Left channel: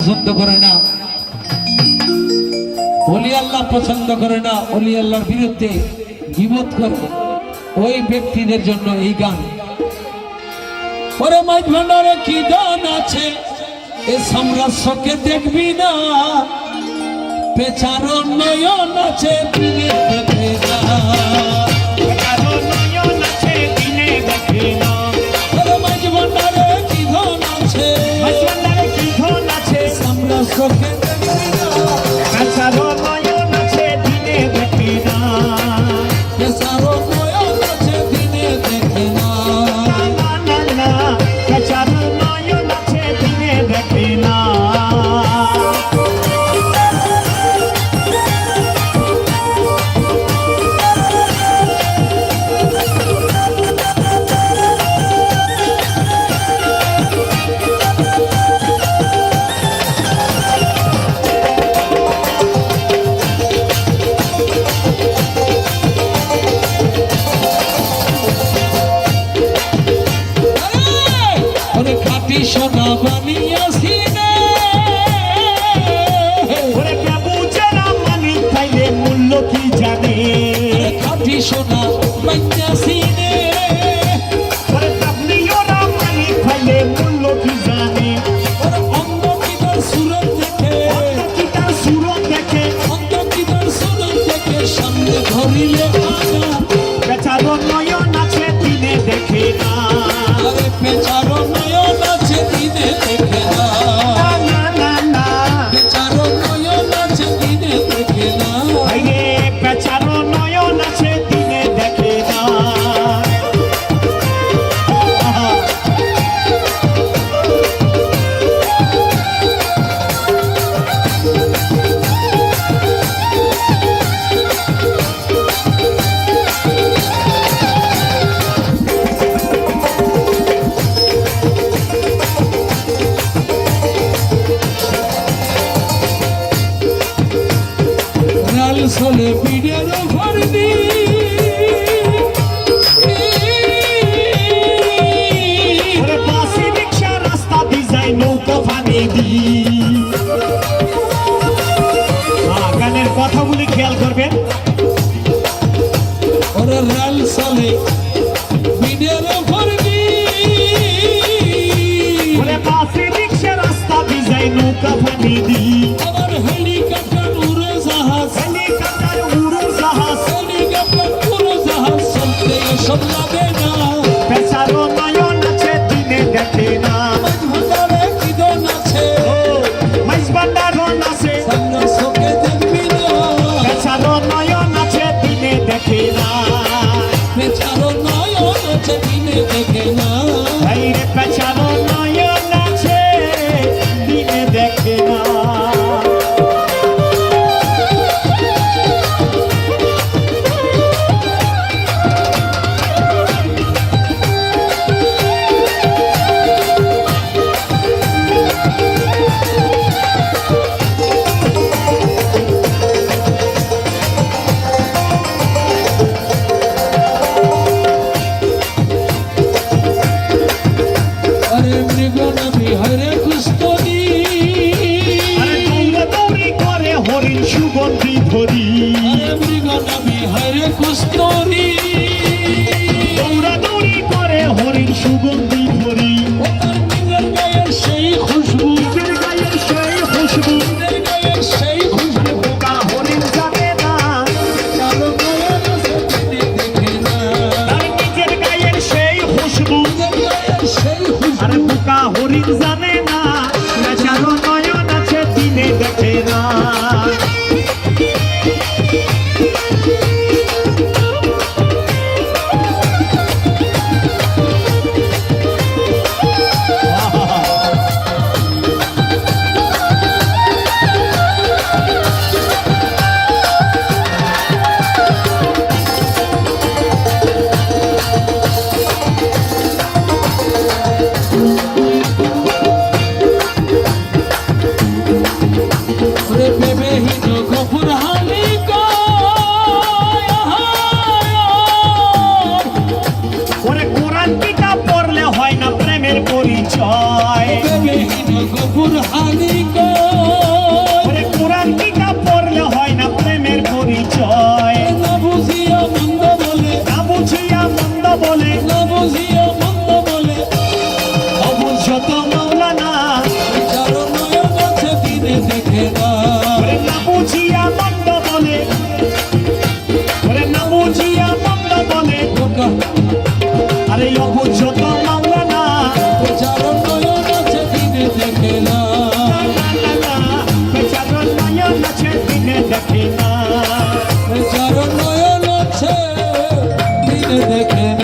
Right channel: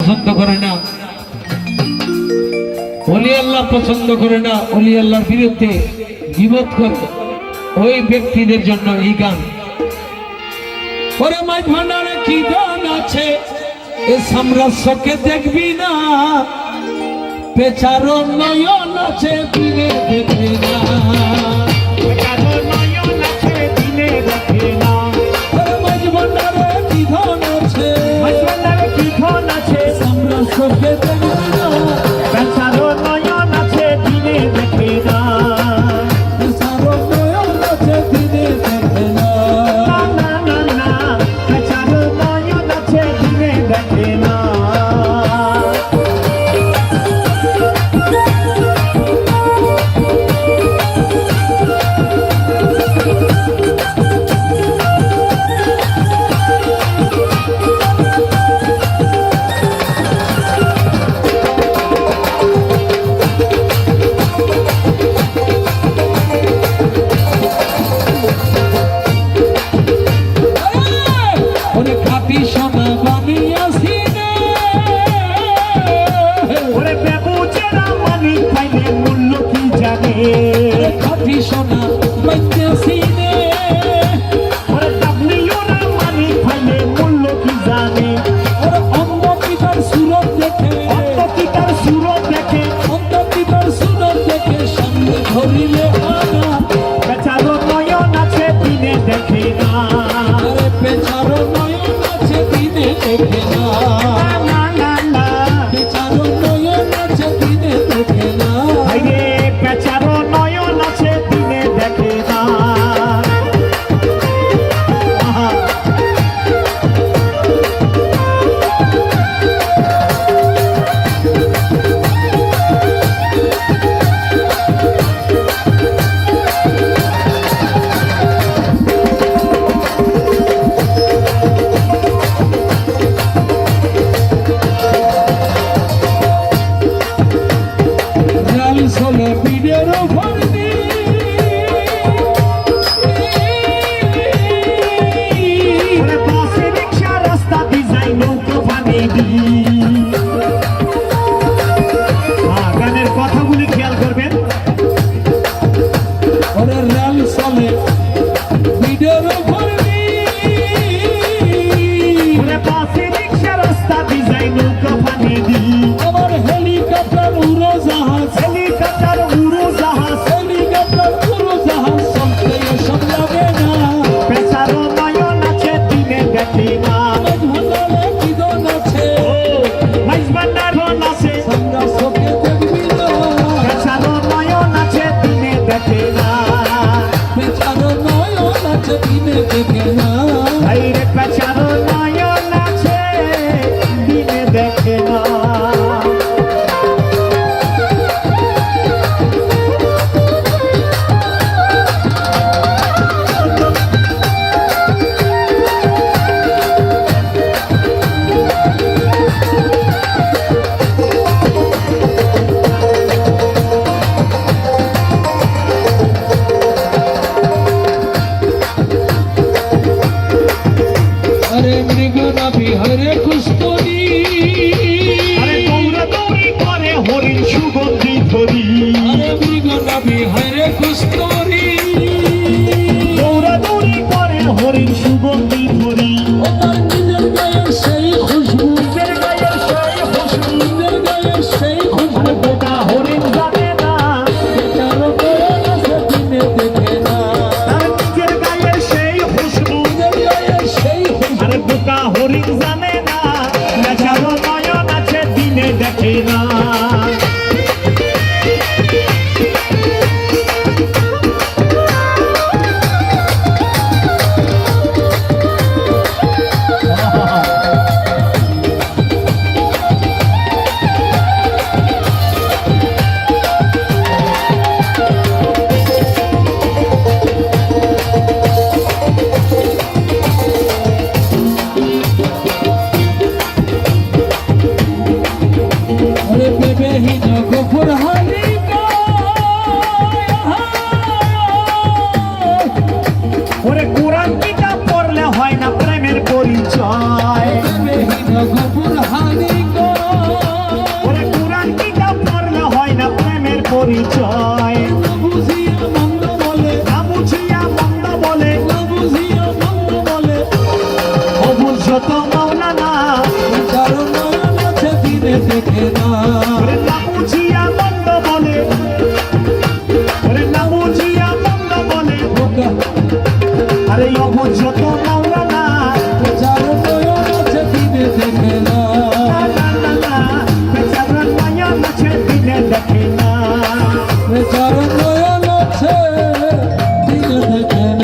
পছন্দ করে না। অলি আল্লাহ পছন্দ করে না, অলি আল্লাহর বিরুদ্ধে বিবোধ করে। ওই ব্যক্তিদের জন্য এই গান। ওরে মাই ভান্ডারে কি গান আছে? এ সাম্রাজ্যকে দেখবি না। পেছার নয়ন আছে দেখবি না। ওরে বেবু যারা মানি পাইলে মূল্য কি জানে? খাটি সোনা। চলে পিঠের উপর পাশে রিক্সা রাস্তা দি যাই নৌকা পানি দি। গানের কথাগুলি খেয়াল করবেন। ওরে রেল চলে পিঠের উপর পাশে রিক্সা রাস্তা দি যাই নৌকা পানি দি। looking